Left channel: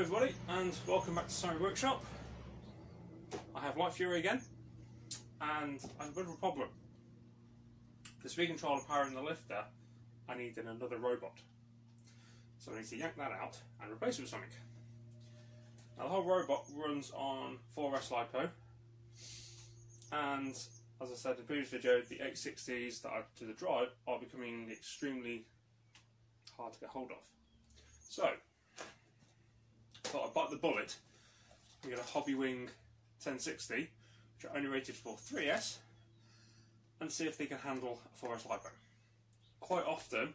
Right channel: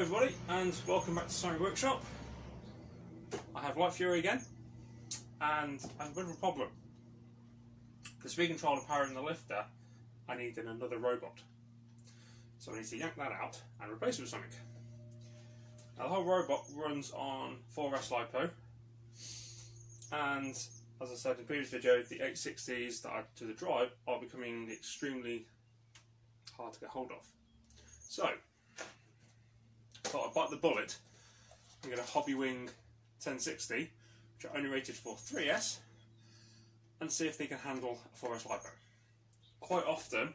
Hello everybody and welcome back to Sonic Workshop. I have Light Fury again and I have a bit of a problem. The speed controller powering the lifter, I need another robot. So I need to yank that out and replace it with something. Now the whole robot runs on 4S lipo, and as I said in the previous video, the 860s that I do the drive are becoming extremely hard to get hold of. So I thought I'd bite the bullet and get a Hobbywing 1060, which are only rated for 3S, and see if they can handle a 4S lipo. Quite often,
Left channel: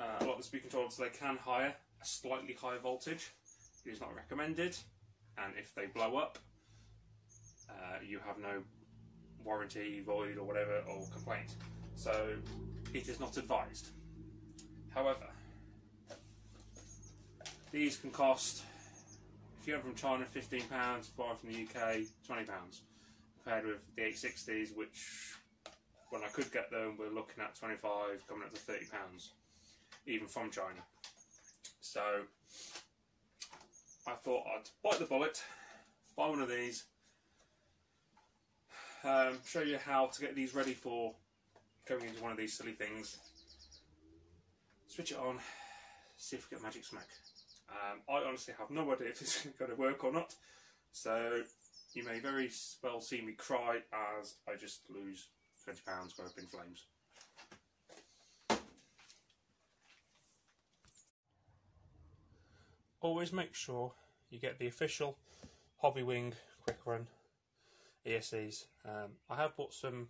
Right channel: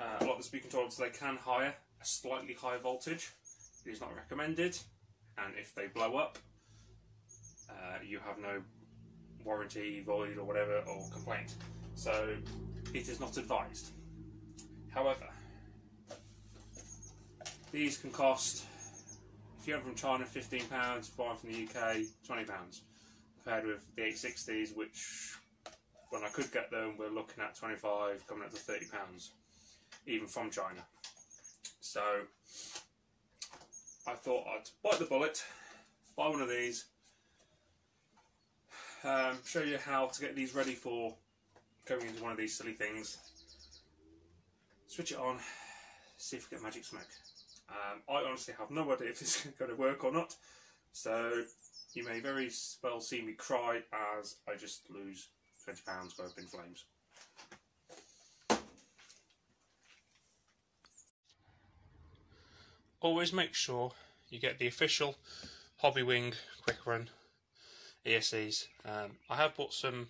a lot of the speed controllers, they can hire a slightly higher voltage. It is not recommended, and if they blow up, you have no warranty, void or whatever, or complaint. So it is not advised. However, these can cost, if you have them from China, £15, if you buy from the UK, £20, compared with the 860s, which, when I could get them, we're looking at 25, coming up to £30, even from China. So I thought I'd bite the bullet, buy one of these, show you how to get these ready for going into one of these silly things, switch it on, see if we get magic smoke. I honestly have no idea if this is going to work or not, so you may very well see me cry as I just lose £20 go up in flames. Always make sure you get the official Hobbywing Quick Run ESCs. I have bought some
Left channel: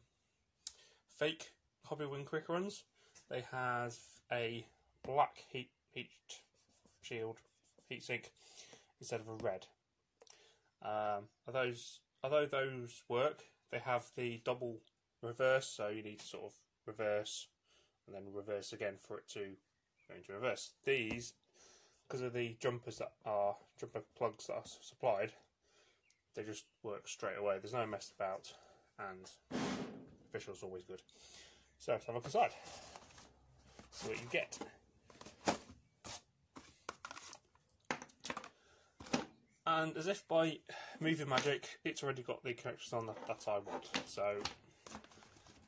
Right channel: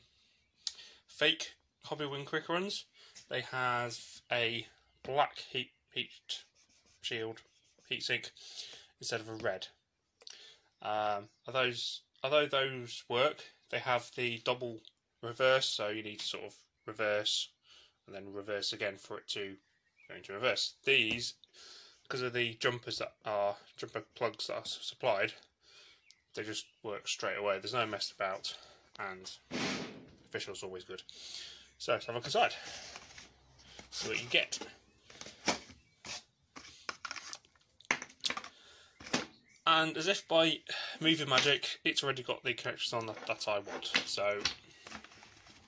fake Hobbywing Quick Runs. They have a black heat shield heatsink instead of a red. Although those work, they have the double reverse, so you need to sort of reverse and then reverse again for it to go into reverse. These, because of the jumper plugs that are supplied, they just work straight away. There's no mess about, and official is always good. So let's have a look inside. See what you get. And as if by movie magic, it's already got the connections on that I want. So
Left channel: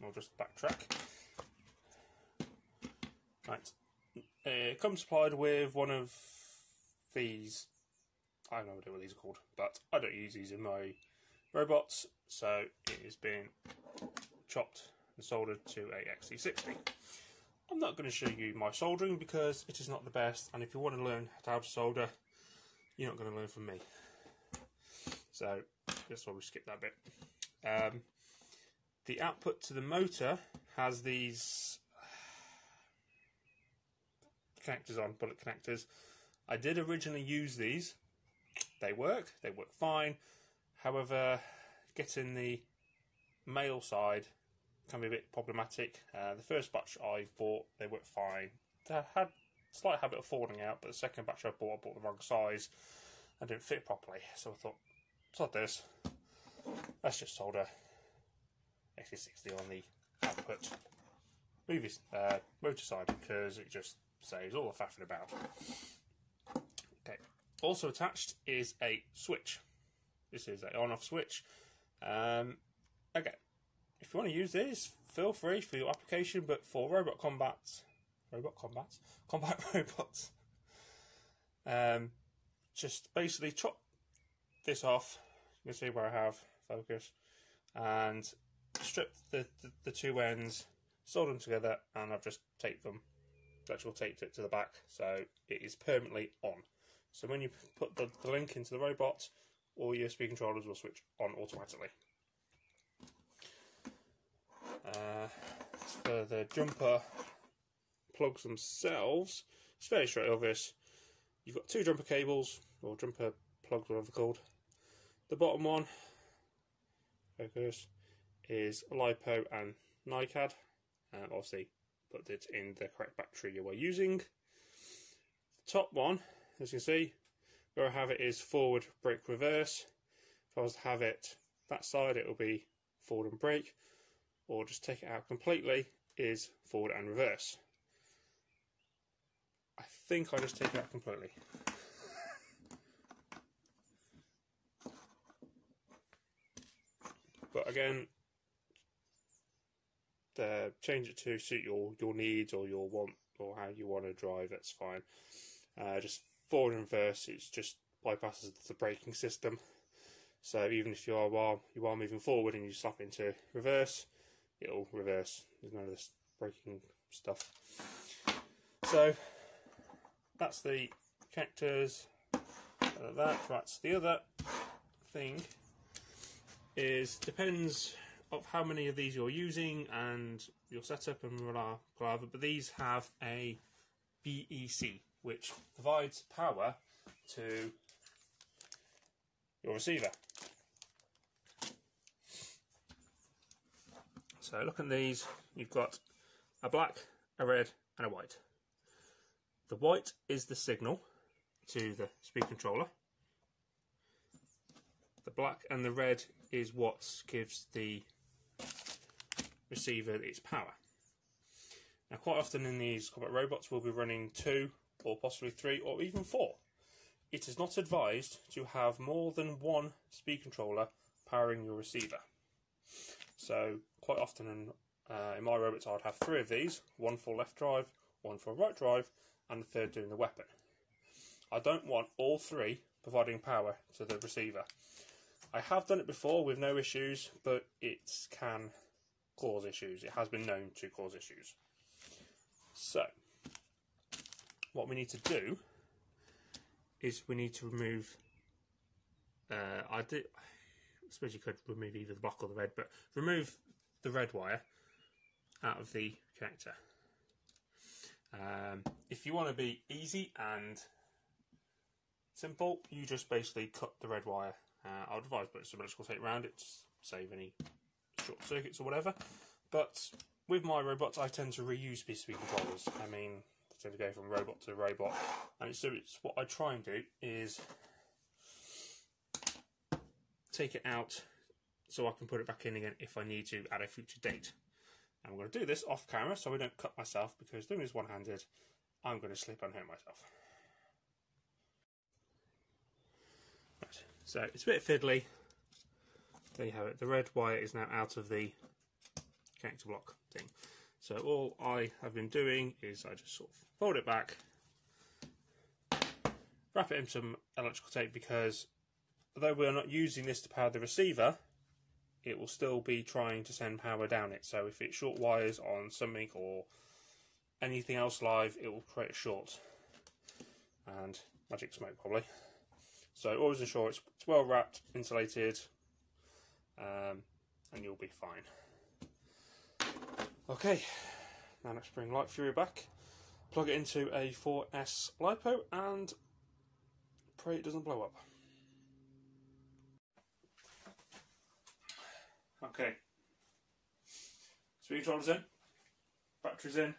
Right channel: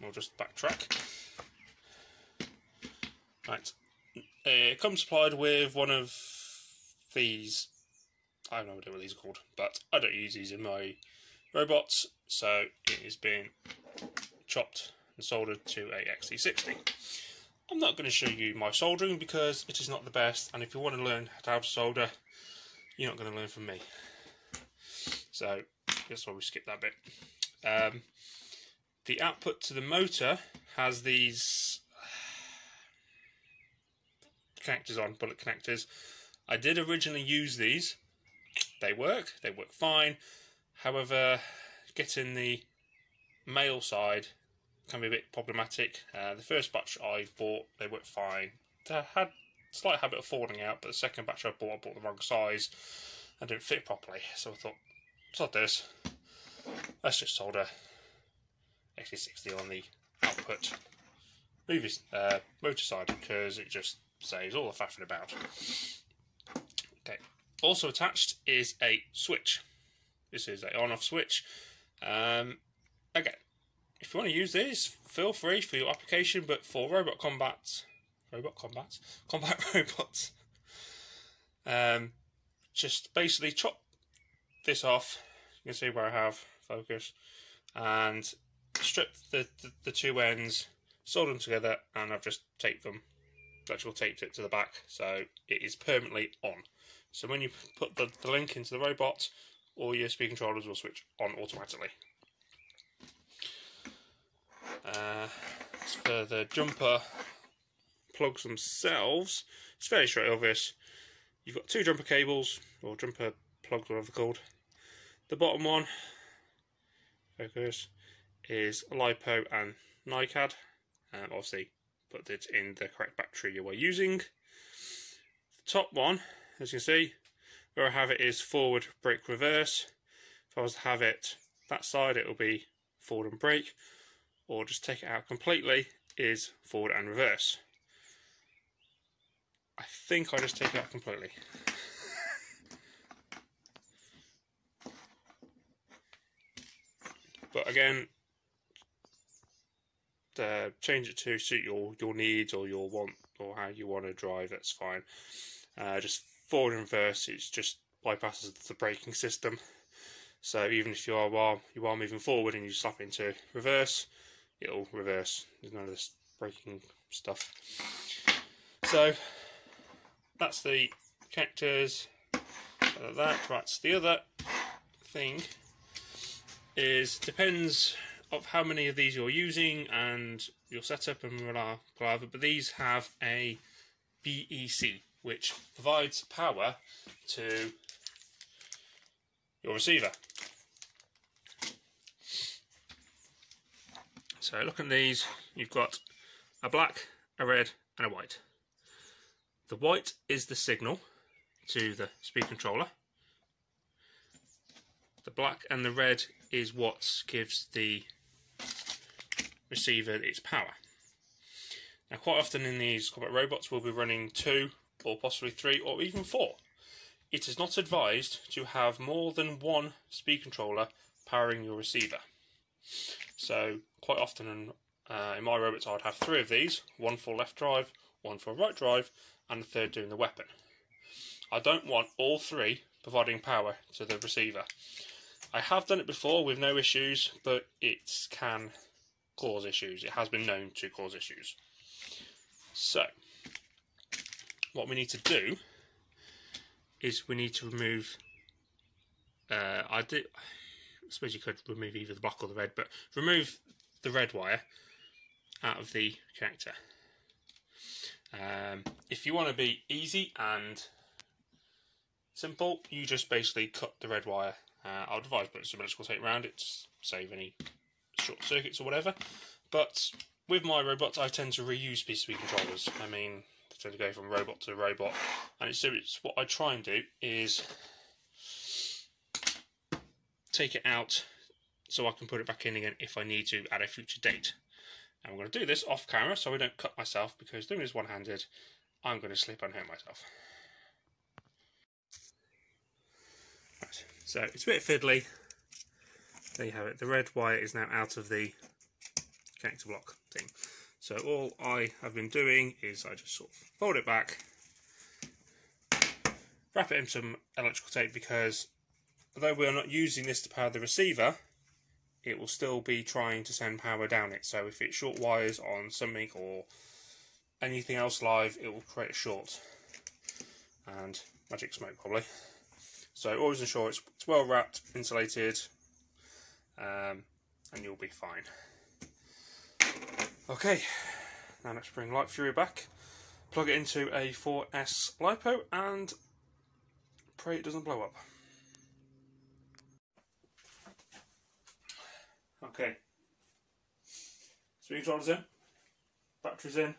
we'll just backtrack. Right, it comes supplied with one of these. I have no idea what these are called, but I don't use these in my robots, so it is being chopped and soldered to a XT60. I'm not going to show you my soldering because it is not the best, and if you want to learn how to solder, you're not going to learn from me. So that's why we skip that bit. The output to the motor has these connectors on, bullet connectors. I did originally use these. They work fine. However, getting the male side can be a bit problematic. The first batch I bought, they worked fine. They had a slight habit of falling out, but the second batch I bought the wrong size and didn't fit properly. So I thought, sod this, let's just solder XT60 on the output motor side, because it just saves all the faffing about. Okay. Also attached is a switch. This is a on-off switch. Again, if you want to use these, feel free for your application, but for combat robots, just basically chop this off. You can see where I have focus, and strip the two ends, solder them together, and I've just taped it to the back, so it is permanently on. So when you put the link into the robot, all your speed controllers will switch on automatically. As for the jumper plugs themselves, it's fairly straight obvious. You've got two jumper cables, or jumper plugs, whatever they're called. The bottom one, focus, is lipo and NiCad. Obviously, put it in the correct battery you are using. The top one, as you can see, where I have it is forward, brake, reverse. If I was to have it that side, it will be forward and brake, or just take it out completely, is forward and reverse. I think I'll just take it out completely. again, change it to suit your needs or your want or how you want to drive. That's fine. Just forward and reverse, it just bypasses the braking system. So even if you are moving forward and you slap into reverse, it'll reverse. There's none of this braking stuff. So that's the connectors. That. Right. So the other thing is depends of how many of these you're using and your setup and whatever. But these have a BEC, which provides power to your receiver. So look at these, you've got a black, a red and a white. The white is the signal to the speed controller. The black and the red is what gives the receiver its power. Now quite often in these combat robots we'll be running 2 or possibly 3 or even 4. It is not advised to have more than one speed controller powering your receiver. So quite often in my robots I'd have 3 of these, one for left drive, one for right drive and the third doing the weapon. I don't want all 3 providing power to the receiver. I have done it before with no issues, but it can cause issues. It has been known to cause issues. So what we need to do is we need to remove I suppose you could remove either the black or the red, but remove the red wire out of the connector. If you want to be easy and simple, you just basically cut the red wire. I would advise putting some electrical tape around it to save any short circuits or whatever. But with my robots, I tend to reuse PCB controllers. I mean, I tend to go from robot to robot, and it's what I try and do is take it out so I can put it back in again if I need to at a future date. And I'm going to do this off camera so I don't cut myself, because doing this one-handed, I'm going to slip and hurt myself. Right, so it's a bit fiddly. There you have it. The red wire is now out of the connector block thing. So all I have been doing is I just sort of fold it back, wrap it in some electrical tape, because although we're not using this to power the receiver, it will still be trying to send power down it. So if it short wires on something or anything else live, it will create a short and magic smoke probably. So always ensure it's well wrapped, insulated, and you'll be fine. Okay, now let's bring Light Fury back, plug it into a 4S lipo and pray it doesn't blow up. Okay, speed controller's in, battery's in,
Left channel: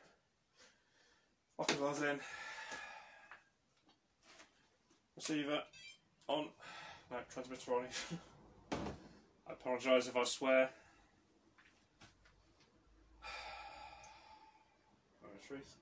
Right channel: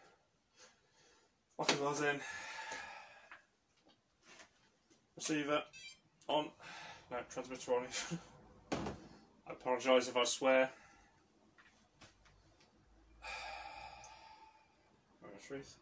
bottom bar's in, receiver on, no, transmitter on. I apologise if I swear. Truth.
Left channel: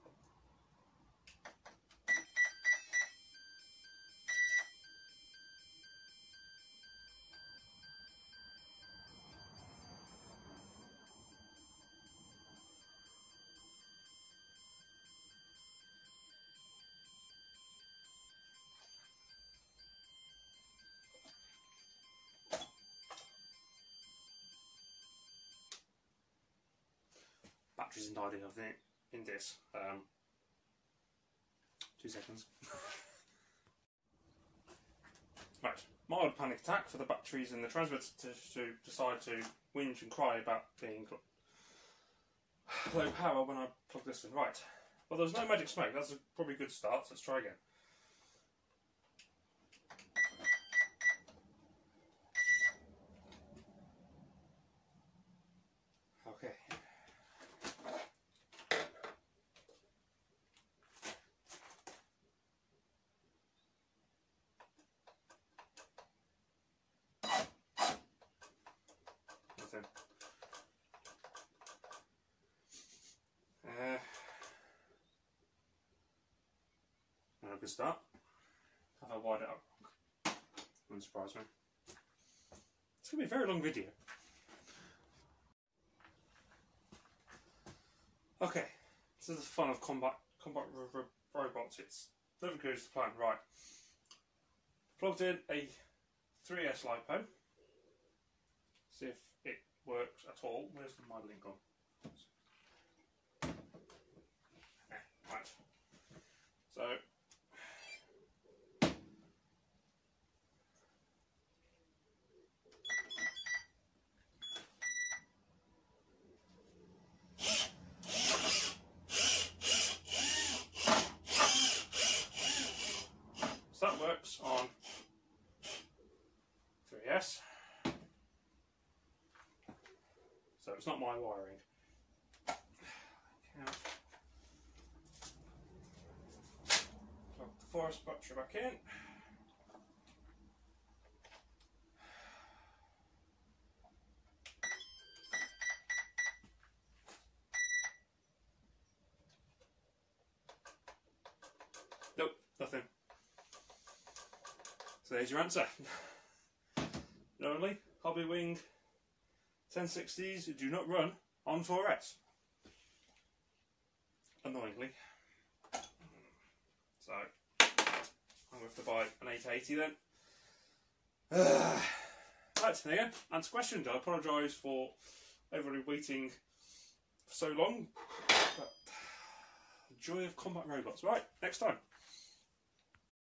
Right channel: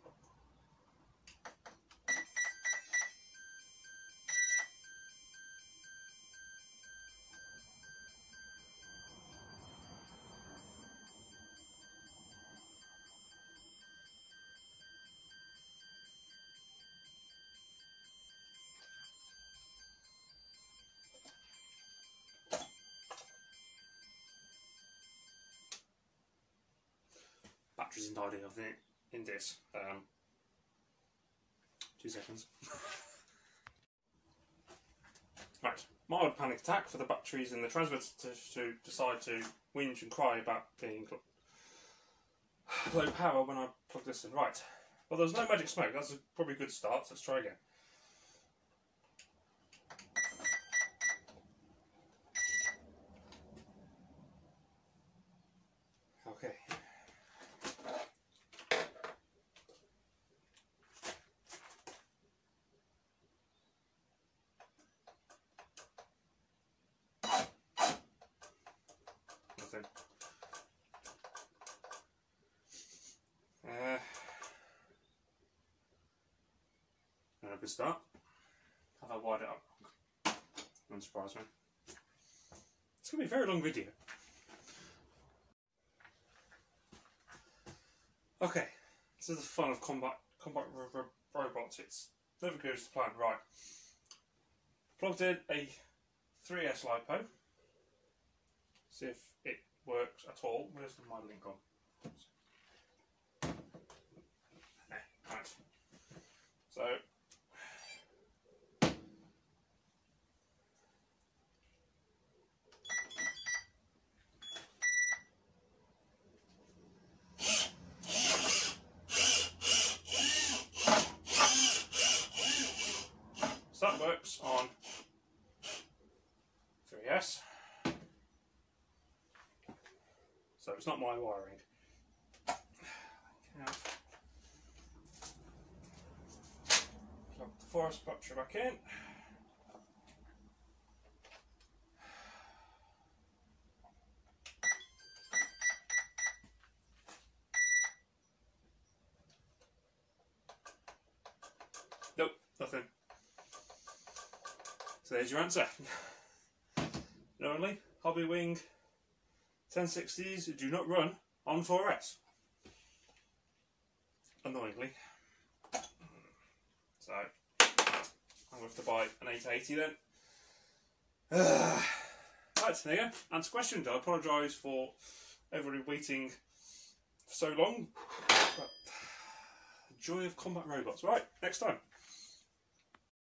Batteries and dioding, I think, in this. 2 seconds. Right, mild panic attack for the batteries in the transmitter to decide to whinge and cry about being low power when I plug this in. Right, well, there's no magic smoke. That's probably a good start. So let's try again. Okay. Not a good start. Have I wired it up? Won't surprise me. It's going to be a very long video. Okay, this is the fun of combat robots. It's never goes to plan. Right, plugged in a 3S lipo. See if it works at all. Where's my link gone? Right. So that works on 3S. So it's not my wiring. Plug the forest battery back in. Nope, nothing. So there's your answer. Normally, Hobbywing 1060s do not run on 4S. Annoyingly. So, I'm going to have to buy an 880 then. Right, there you go. Answer questions. I apologise for everybody waiting for so long. But the joy of combat robots. Right, next time.